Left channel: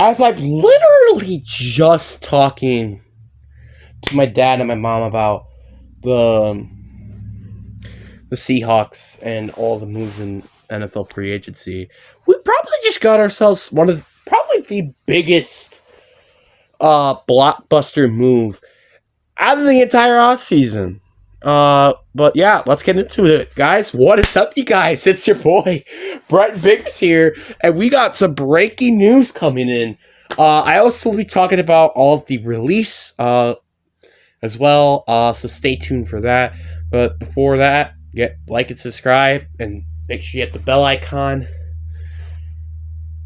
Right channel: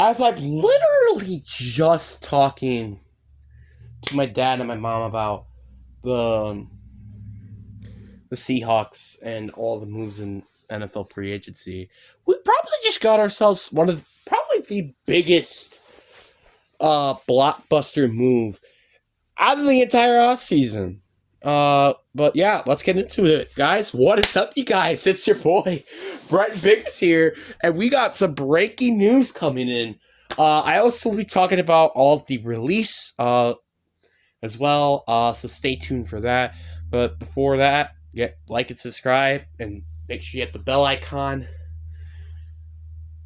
as I'm literally just talking to my dad and my mom about the the Seahawks and all the moves in NFL free agency, we probably just got ourselves one of probably the biggest blockbuster move out of the entire offseason. But yeah, let's get into it, guys. What is up, you guys? It's your boy, Brett Biggers here, and we got some breaking news coming in. I also will be talking about all of the release as well, so stay tuned for that. But before that, get like and subscribe, and make sure you hit the bell icon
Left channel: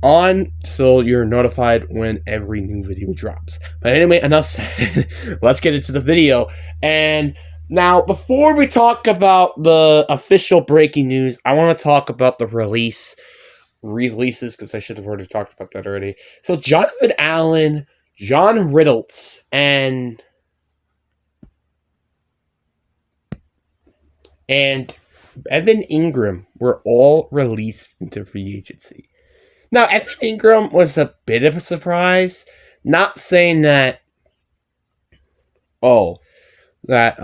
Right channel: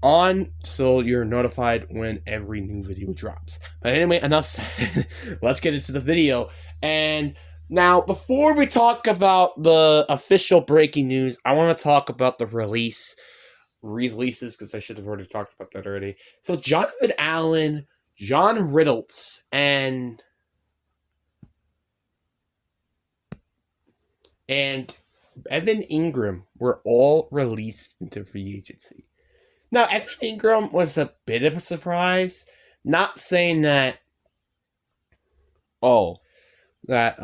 on so you're notified when every new video drops. But anyway, enough said. Let's get into the video. And now, before we talk about the official breaking news, I want to talk about the releases, because I should have already talked about that already. So, Jonathan Allen, John Riddles, and Evan Ingram were all released into free agency. Now, Evan Ingram was a bit of a surprise. Not saying that, oh, that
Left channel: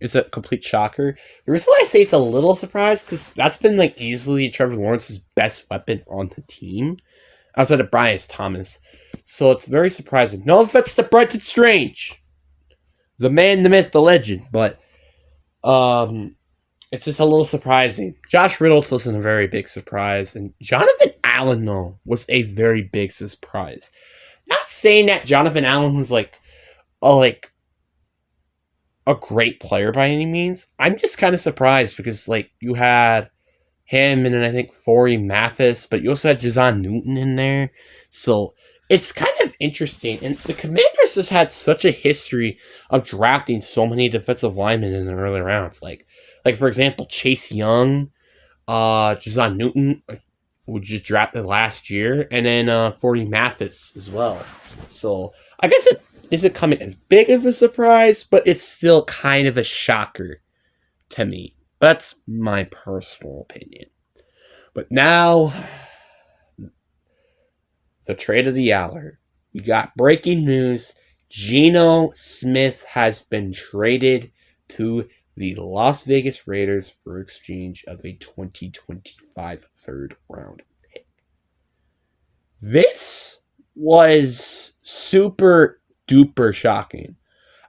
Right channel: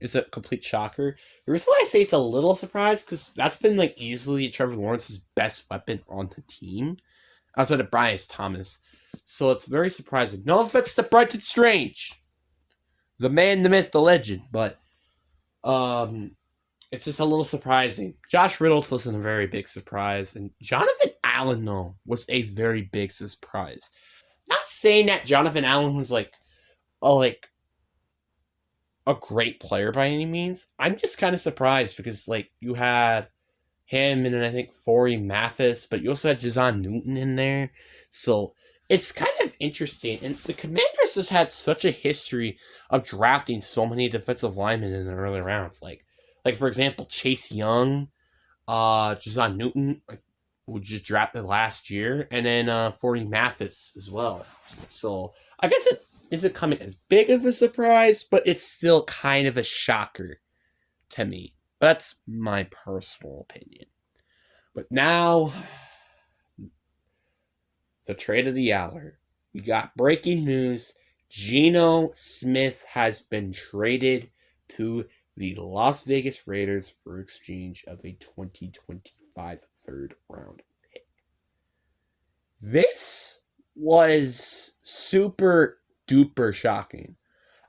it's a complete shocker. The reason why I say it's a little surprise, because that's been like easily Trevor Lawrence's best weapon on the team, outside of Bryce Thomas. So it's very surprising. No offense to Brenton Strange, the man, the myth, the legend, but it's just a little surprising. Josh Riddles wasn't a very big surprise, and Jonathan Allen, though, was a very big surprise. Not saying that Jonathan Allen was like a great player by any means. I'm just kind of surprised because like you had him and then I think Forey Mathis, but you also had Jazon Newton in there. So it's kind of interesting. And the Commanders just had such a history of drafting so many defensive linemen in the early rounds. Like for example, Chase Young, Jazon Newton, who just drafted last year, and then Forey Mathis as well. So I guess it isn't coming as big of a surprise, but it's still kind of a shocker to me. That's my personal opinion. But now, the trade of the hour. We got breaking news. Geno Smith has been traded to the Las Vegas Raiders for exchange of a 2025 third round pick. This was super duper shocking.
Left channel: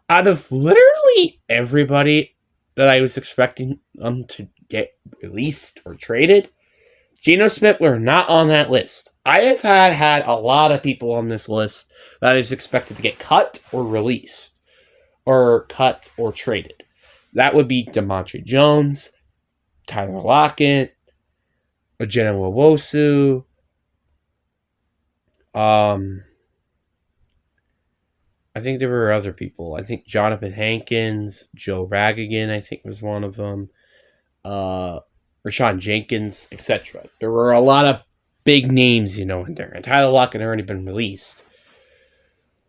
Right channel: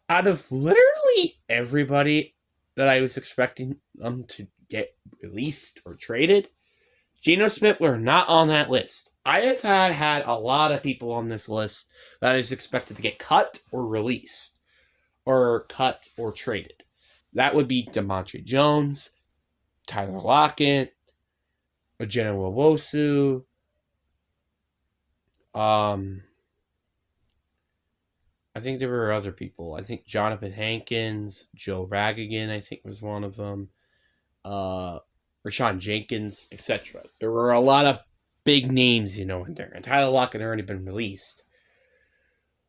Out of literally everybody that I was expecting to get released or traded, Geno Smith were not on that list. I have had a lot of people on this list that I was expected to get cut or released, or cut or traded. That would be DeMontre Jones, Tyler Lockett, Ojena Nwosu, I think there were other people. I think Jonathan Hankins, Joe Ragagan, I think was one of them. Rashawn Jenkins, etc. There were a lot of big names, in there. And Tyler Lockett had already been released.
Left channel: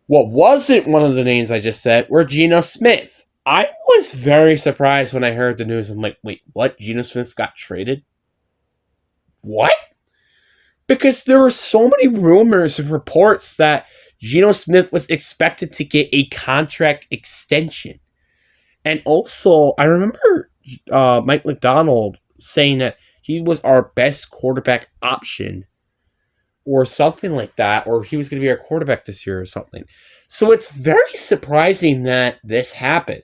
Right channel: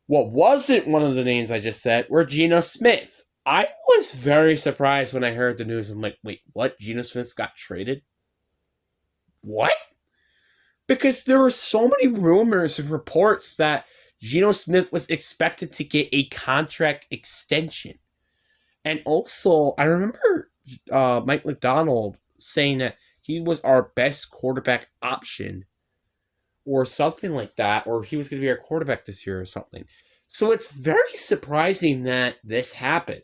What wasn't one of the names I just said were Geno Smith. I was very surprised when I heard the news. I'm like, wait, what? Geno Smith got traded? What? Because there were so many rumors and reports that Geno Smith was expected to get a contract extension. And also, I remember Mike McDonald saying that he was our best quarterback option or something like that, or he was going to be our quarterback this year or something. So it's very surprising that this happened.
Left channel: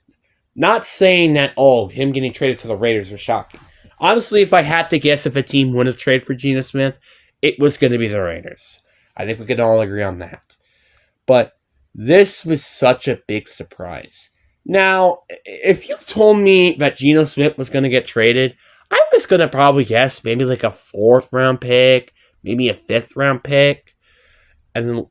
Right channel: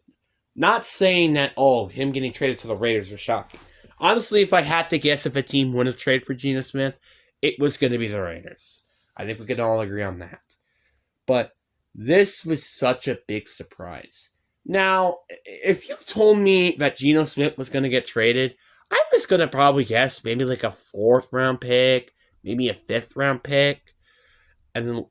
Not saying that, him getting traded to the Raiders was shocking. Honestly, if I had to guess if a team would have traded for Geno Smith, it was going to be the Raiders. I think we can all agree on that. But this was such a big surprise. Now, if you told me that Geno Smith was going to get traded, I was going to probably guess maybe like a 4th round pick, maybe a 5th round pick, and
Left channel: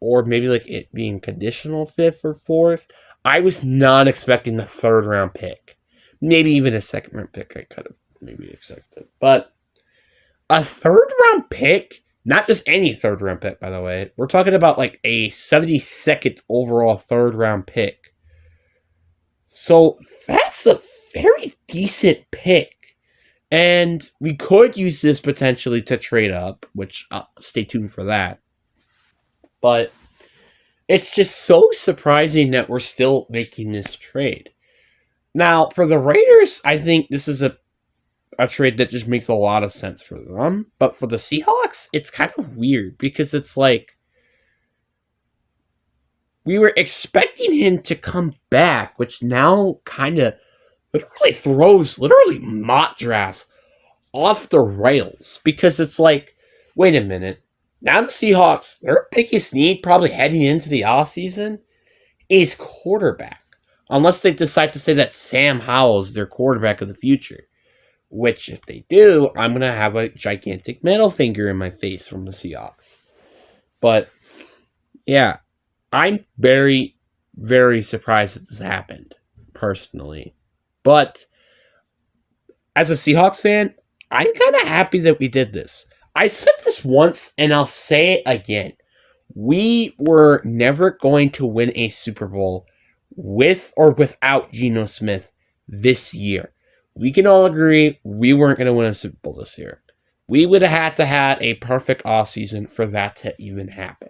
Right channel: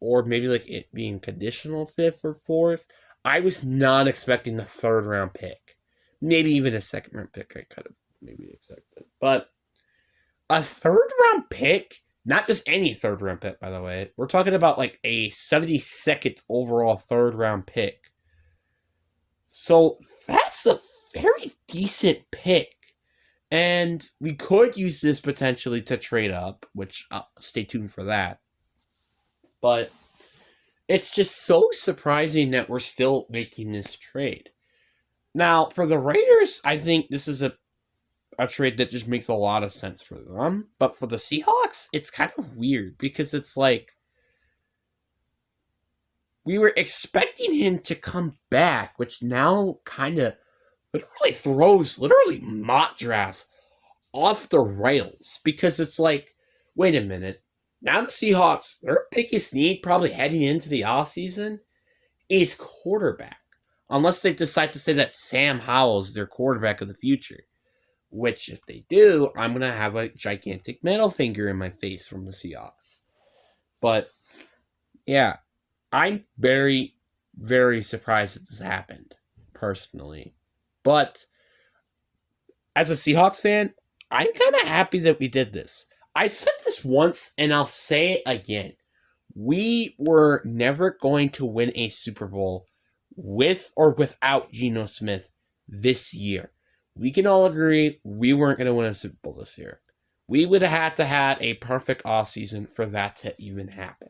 or maybe like it being conditional 5th or 4th. I was not expecting the 3rd round pick. Maybe even a 2nd round pick I could have maybe expected. But a 3rd round pick, not just any 3rd round pick, by the way. We're talking about like a 72nd overall 3rd round pick. So that's a very decent pick. And we could use this potentially to trade up, which stay tuned for that. But it's just so surprising that we're still making this trade. Now, for the Raiders, I think this is a trade that just makes a lot of sense for them. But for the Seahawks, it's kind of weird because it's like we were expecting him to come back, which now kind of literally throws mock drafts off the rails because it's like, wait a minute. Now the Seahawks, their biggest need probably heading into the offseason is quarterback. Unless they decide to say that Sam Howell is their quarterback of the future. Which, if they do, I'm going to have a gigantic middle finger in my face from the Seahawks. But, yeah, I'm very, very surprised that this happened, personally. But, as a Seahawks fan, I'm kind of happy that we did this. I said this once, and I'll say it again. We were never going to win a Super Bowl with or without Geno Smith this year. We can all agree we weren't going to win a Super Bowl this year. We would have had to have a perfect offseason for that to even happen.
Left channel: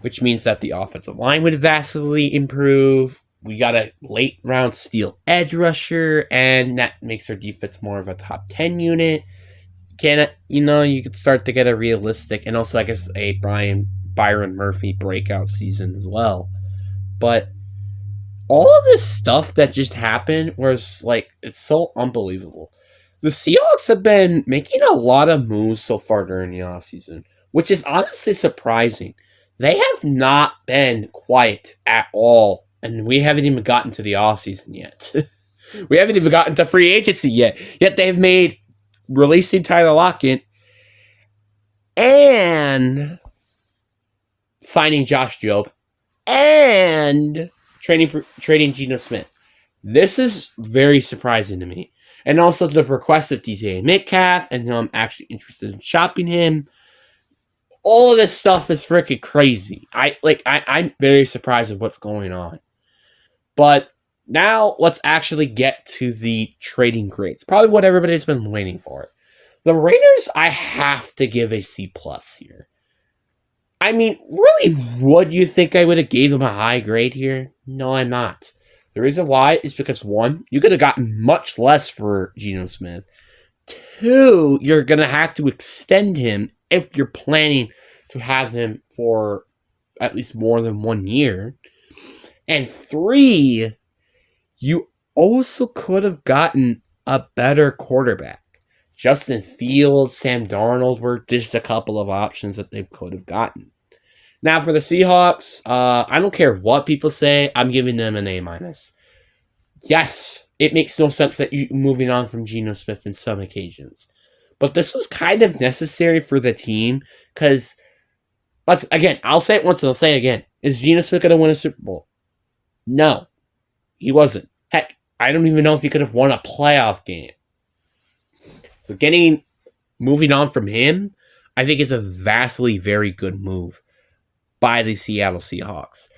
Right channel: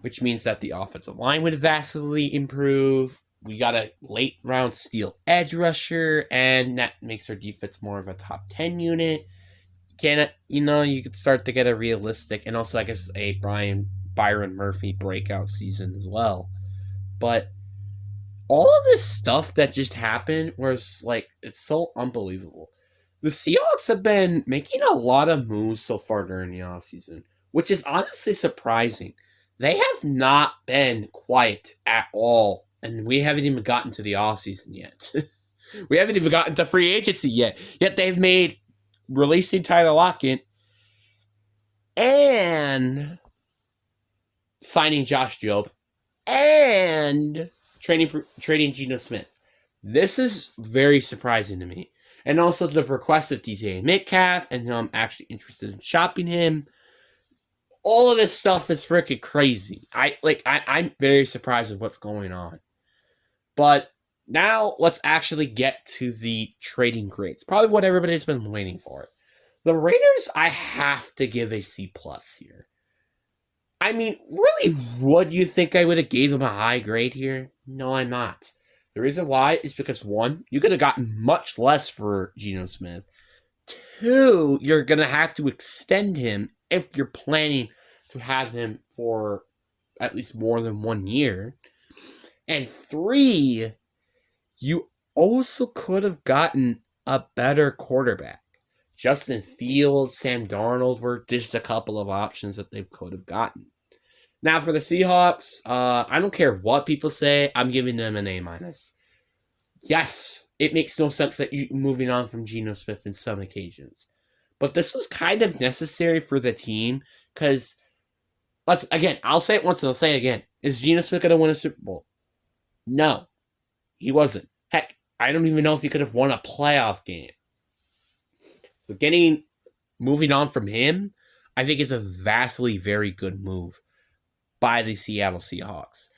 Which means that the offensive line would vastly improve. We got a late round steal edge rusher, and that makes our defense more of a top 10 unit. You could start to get a realistic, and also I guess a Byron Murphy breakout season as well. But all of this stuff that just happened was like, it's so unbelievable. The Seahawks have been making a lot of moves so far during the offseason, which is honestly surprising. They have not been quiet at all, and we haven't even gotten to the offseason yet. We haven't even gotten to free agency yet. Yet they've made releasing Tyler Lockett and signing Josh Jobe and trading Geno Smith. This is very surprising to me. And also the request of DJ Metcalf, and I'm actually interested in shopping him. All of this stuff is freaking crazy. I'm very surprised at what's going on. But now let's actually get to the trading grades. Probably what everybody's been waiting for. The Raiders, I have to give a C+ here. I mean, really, would you think I would have gave him a high grade here? No, I'm not. The reason why is because, one, you could have gotten much less for Geno Smith. Two, you're going to have to extend him if you're planning to have him for at least more than 1 year. And three, you also could have gotten a better quarterback. Justin Fields, Sam Darnold were just a couple of options that they could have gotten. Now, for the Seahawks, I don't care what people say, I'm giving them an A-. Yes, it makes no sense that you're moving on from Geno Smith in some occasions. But this was kind of necessary for the team, because, I'll say it once and I'll say it again. Is Geno Smith going to win a Super Bowl? No, he wasn't. Heck, I don't even know if he could have won a playoff game. So moving on from him, I think is a vastly very good move by the Seattle Seahawks.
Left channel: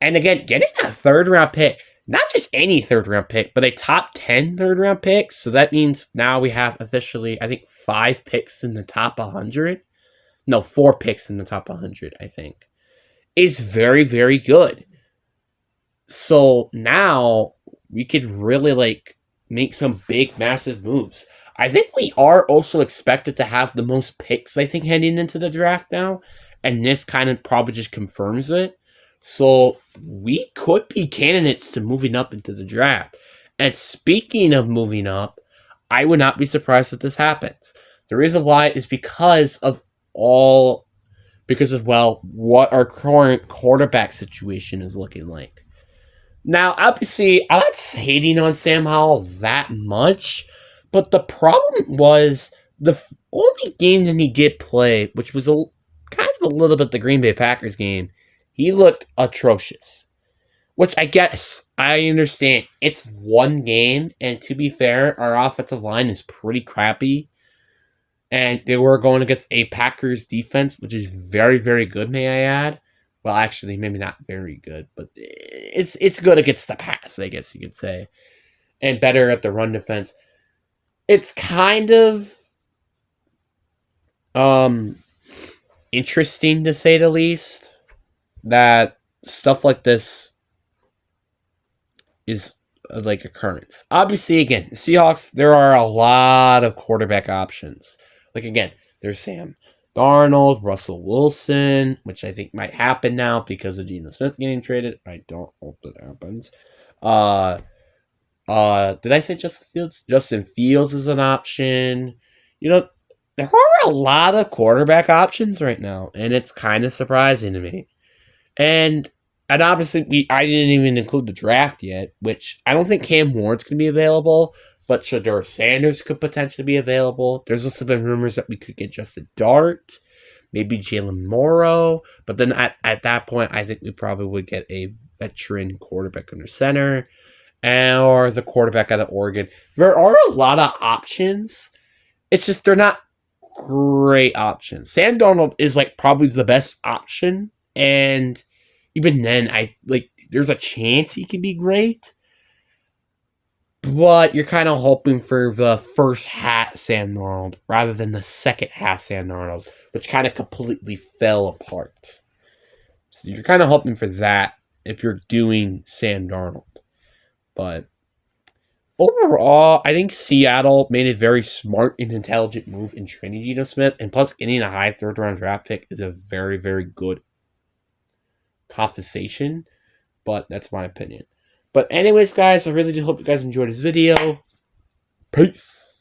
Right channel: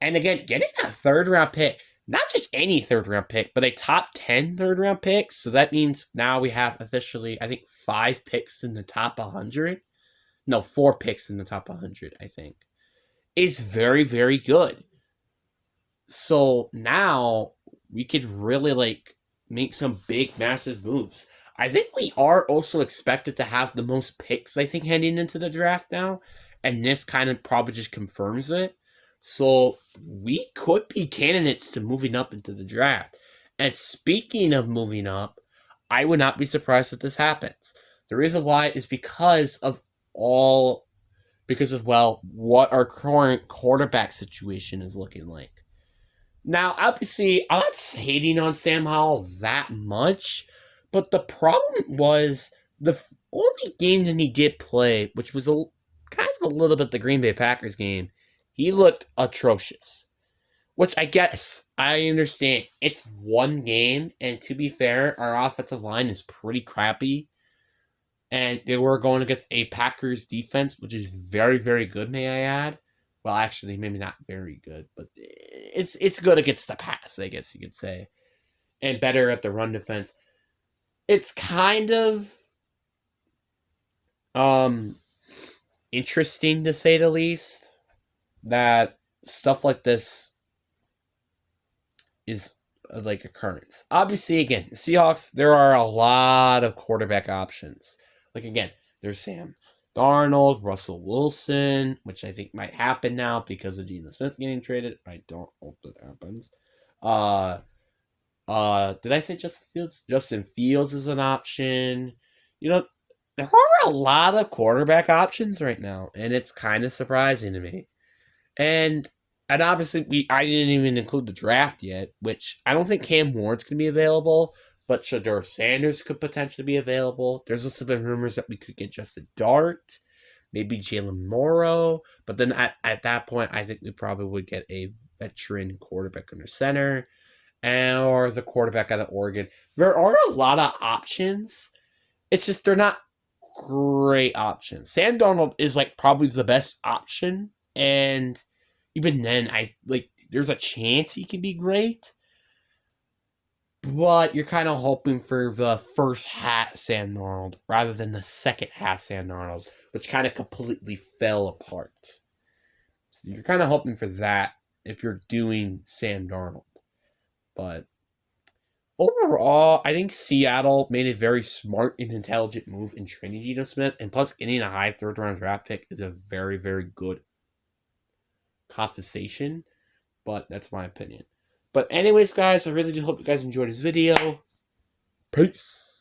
And again, getting a third-round pick, not just any third-round pick, but a top 10 third-round pick. So that means now we have officially, I think, 5 picks in the top 100. No, 4 picks in the top 100, I think. Is very, very good. So now we could really, make some big, massive moves. I think we are also expected to have the most picks, I think, heading into the draft now. And this kind of probably just confirms it. So we could be candidates to moving up into the draft. And speaking of moving up, I would not be surprised if this happens. The reason why is because of what our current quarterback situation is looking like. Now, obviously, I'm not hating on Sam Howell that much, but the problem was the only game that he did play, which was kind of a little bit the Green Bay Packers game, he looked atrocious. Which I guess, I understand. It's one game, and to be fair, our offensive line is pretty crappy. And they were going against a Packers defense, which is very, very good, may I add. Well, actually, maybe not very good, but it's good against the pass, I guess you could say. and better at the run defense. It's kind of interesting to say the least that stuff like this is like occurrence. Obviously, again, Seahawks, there are a lot of quarterback options. Like again, there's Sam Darnold, Russell Wilson, which I think might happen now because of Geno Smith getting traded. I don't hope that happens. Did I say Justin Fields? Justin Fields is an option. You know, there are a lot of quarterback options right now, and it's kind of surprising to me. And obviously I didn't even include the draft yet, which I don't think Cam Ward's gonna be available, but Shedeur Sanders could potentially be available. There's also been rumors that we could get Justin Dart, maybe Jalen Morrow, but then at that point I think we probably would get a veteran quarterback under center. Or the quarterback out of Oregon. There are a lot of options. It's just they're not great options. Sam Darnold is like probably the best option, and even then, there's a chance he could be great. But you're kind of hoping for the first hat Sam Darnold rather than the second hat Sam Darnold, which kind of completely fell apart. So you're kind of hoping for that if you're doing Sam Darnold. But overall, I think Seattle made a very smart and intelligent move in trading Geno Smith, and plus getting a high third-round draft pick is a very, very good compensation, but that's my opinion. But anyways, guys, I really do hope you guys enjoyed this video. Peace!